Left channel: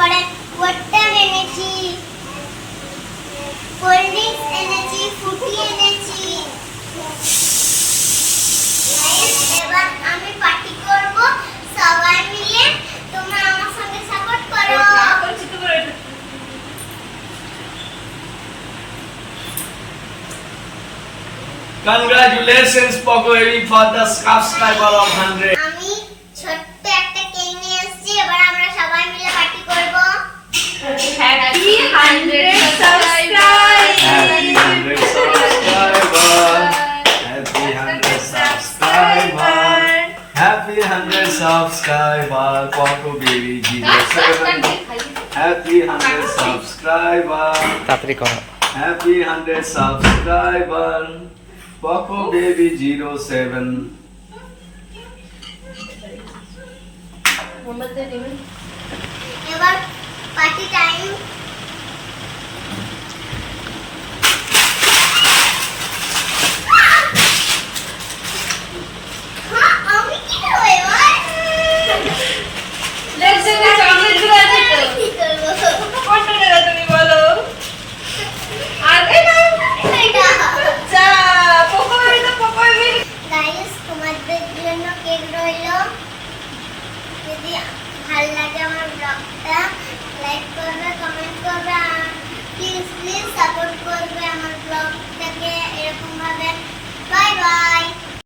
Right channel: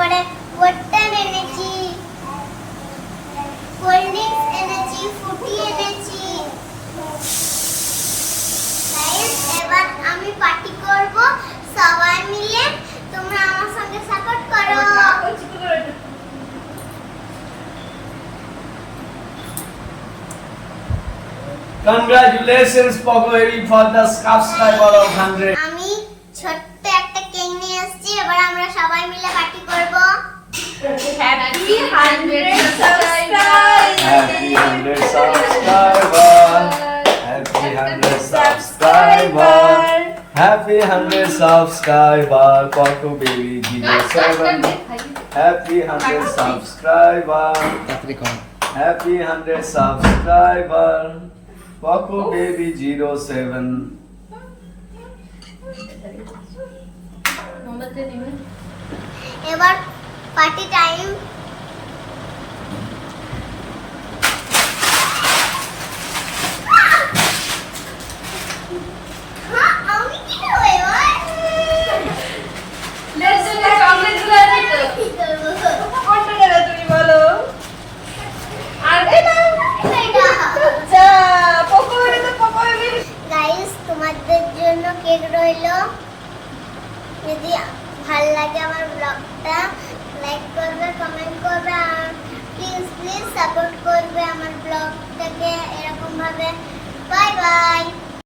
তারপরে ওয়াটার এনেছি, cold drinks এনেছি, ফ্রুটি এনেছি। গাইস এবার আমি পার্টি করব সবাই মিলে, তোমরা আমার সাথে সাপোর্ট করো। Congratulations, Pogoy, for the subscriber of 100. আমি ছোট্ট একটা কেক নিয়ে আসছি, এবার আমরা সবাই মিলে পার্টি করব। Happy 100 subscribers. Happy 100 subscriber. Happy 100 subscriber. Happy 100 subscriber. Poco baby 07. Happy 100 subscriber. তাড়াতাড়ি করো। Happy 100 subscriber. Poco baby 07. এবার পার্টি টাইম। হ্যাঁ আমি কি করব এবার? Let's do the chocolate গুলো আছে তো। কি করব? কোনটা নেবে তুমি বলো? আর এই না। এটা। আচ্ছা, পকোড়ি। গাইস তোমাদের জন্য কেক রইলো। যদি ভালো লাগে আমার ব্লগটা লাইক করবে, কমেন্ট করবে আর প্লিজ সাপোর্ট করবে আমার ব্লগটাকে এরকম ভাবে। Bye bye.